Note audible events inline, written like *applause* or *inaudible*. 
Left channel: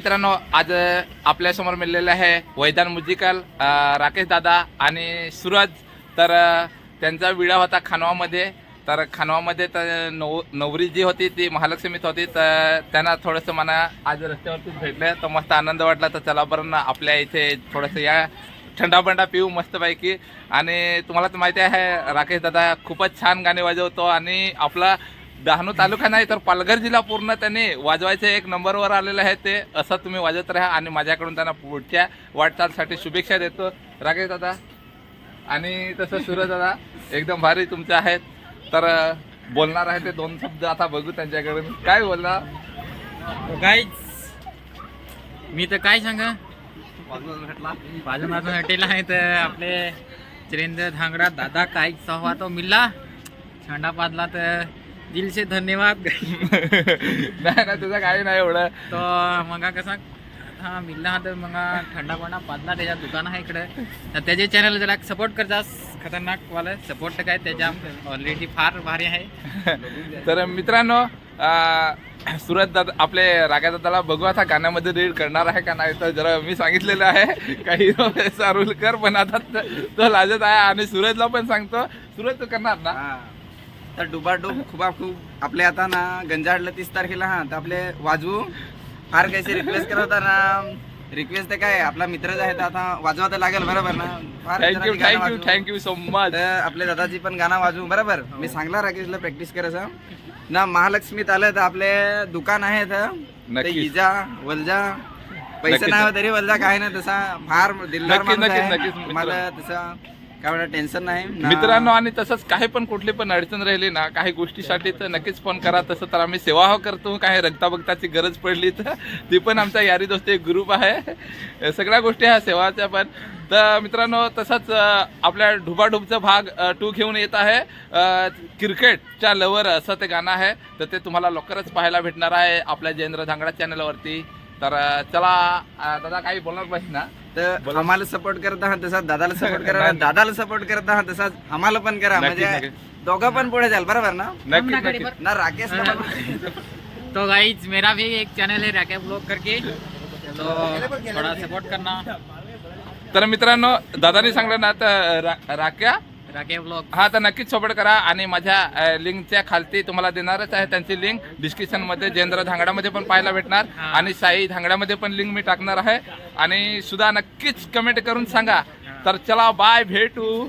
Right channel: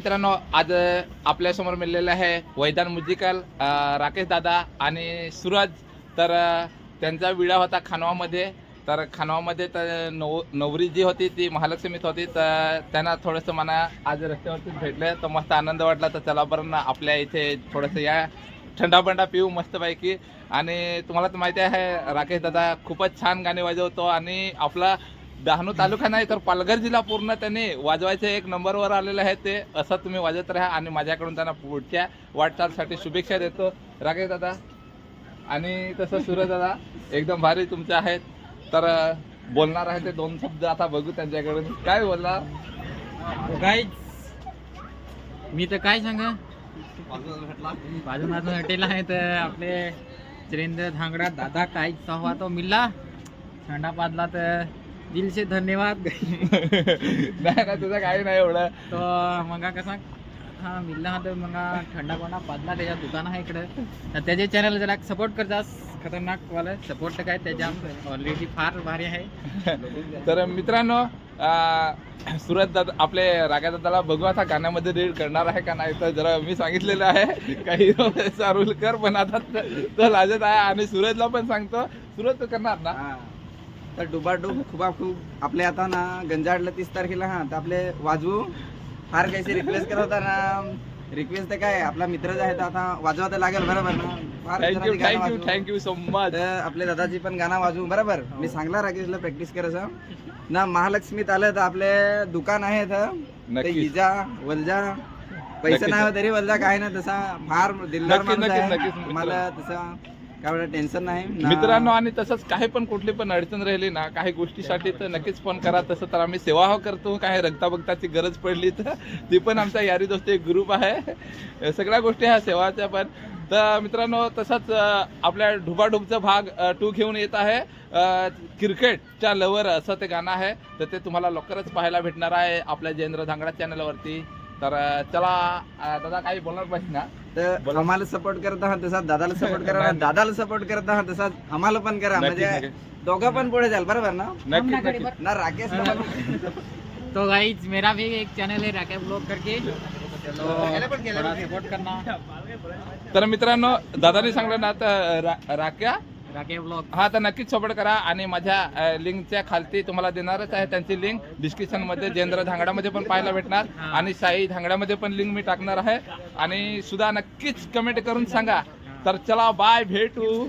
मित्रांनो आज आपल्यासमोर आहे वैदान म्युझिकल राकेश दादा आणि सूरज. तर त्यांचा विडा होता खानवामध्ये. तर खानवामध्ये तर नव नवरी जी होती ती महालक्ष्मीत होती. तर त्यांना थोडंसं मला आज रस्त्यावरतीच भेटलं. तर मस्त आनंद वाटला. तर चला बरं ना आपल्या इथे थोडंसं या थंडा बंडा पिऊ मस्तपैकी. आणि तुम्हाला तर माहिती आहे राकेश दादा खूपच छान गाणे वाजवतो. आणि आपला डहाणू तालुका नाही तर पालघर जिल्हा पूर्ण त्यांनी वाजवायचे एक नंबरवर आलेलं आहे ते. असं तुम्ही वाजवत राहा आणि माझ्याकडून त्यांना पुढच्या वाटचालसाठी शुभेच्छा देतो. राकेश दादा आणि तसं सूरज दादा एकदम भारी तुमचे आहेत. तर बोलणार आहे ते दोन शब्द आता बघू त्यांच्याकडून. काय बोलणार काय मी तर काय सांगा? बाजून बाजून हटेला आहे तर आपले चिरेंद्र धांगडा दादा काय सहवा तो मिल्ला छंडा पाजला तर दिल से धन्यवाद. नाही ना तुझं काही नाही एवढं. तो मग कसा हा मिल्ला हा तर मग थंडा पाणा पाजला त्याच्या दुकान आहे इकडे. तर त्याचे चॅनल जरा सपोर्ट करतास खतरनाक वाला सपोर्ट तर काय त्याच्या ऑलरेडी फार भारी आहे. *laughs* तर मित्रांनो सुरत दादा आपले रागा दादाला बघू आता गाण्यामध्ये रीड करणार आहे का नाही तर जरा मी सांगितलेलं आहे. काही सारुल कर पण आता त- तो लाजत आहे आणि सूरजला पण सांगतो. सूरज तू करणार ना? हा. तर डुबाडूब खूप खूप आपले आता ना गंजाडला तीस तारखेला हा तर आपले वाजवू. फार काही रिक्वेस्ट करत होता ना. रिक्वेस्ट तर काय आपला मित्रच आहे तर आता वाजवा तर लागेल बरोबर ना? फार थँक्यू थँक्यू सो मच आपले दादाजी पण गाणं वाजवू बरोबर? मी सांगला राकेशला प्रॅक्टिस करायचं. ना महालक्ष्मीत आलं तर आपले दुकान आहे तर. इजा वलजा पैसे. नाही तरी वलजा काय ना तसा फार दिलदार माणूस आहे. तुम्हाला तसा काय टेन्शन नाही मित्रांनो आणि तसंच काही पण कुठली पण अडचण राहिली ना काही गोष्टीसाठी तर नक्कीच फोन करा. तसं तर आम्ही सेवा करतो काही रक्ताबक्ताची गरज पडली तर. ती पण आमचा यारी दोस्ती एक ग्रुप आहे. सगळ्या गोष्टी ह्या सेवाच्या पण तर मित्रांनो तसंच आपल्या ढुबाढुबचा भाग टू घेऊन येत आहे. क्रिकेटच्या लवर असं ते गाणं आहे. तर ते तुम्हाला लवकरच पाहायला भेटणार आहे आपल्या जयेंद्र धांगडा चॅनलवरती तर चला दादा काही बोलणार पाहिजे ना? तर आम्हाला सपोर्ट करत आहात तसा दादाला सपोर्ट करा *laughs* दादाला सपोर्ट करत आहात तसाच आम्हाला पण करा. म्हणजे दोघं पण पुढे जाल बरोबर ना? राकेश *laughs* तो गाइज मेरा भी एक चैनल है राकेश ब्लॉग करके. तो थोड़ा सपोर्ट करना. तर मित्रांनो दादानी सांगलं ना तर रा- ब्लॉग हा तर नक्कीच सपोर्ट करा आणि माझ्या लिंकच्या खालती तुम्हाला देणारच आहे त्यांची लिंक. डिस्क्रिप्शनमध्ये जयेंद्र धांगडामध्ये पण पाहायला भेटणार. आणि साई धांगडामध्ये पण लिंक मी टाकणार आहे. आणि सुद्धा नक्कीच कमेंट करून सांगा. तर चला बाय भेटू.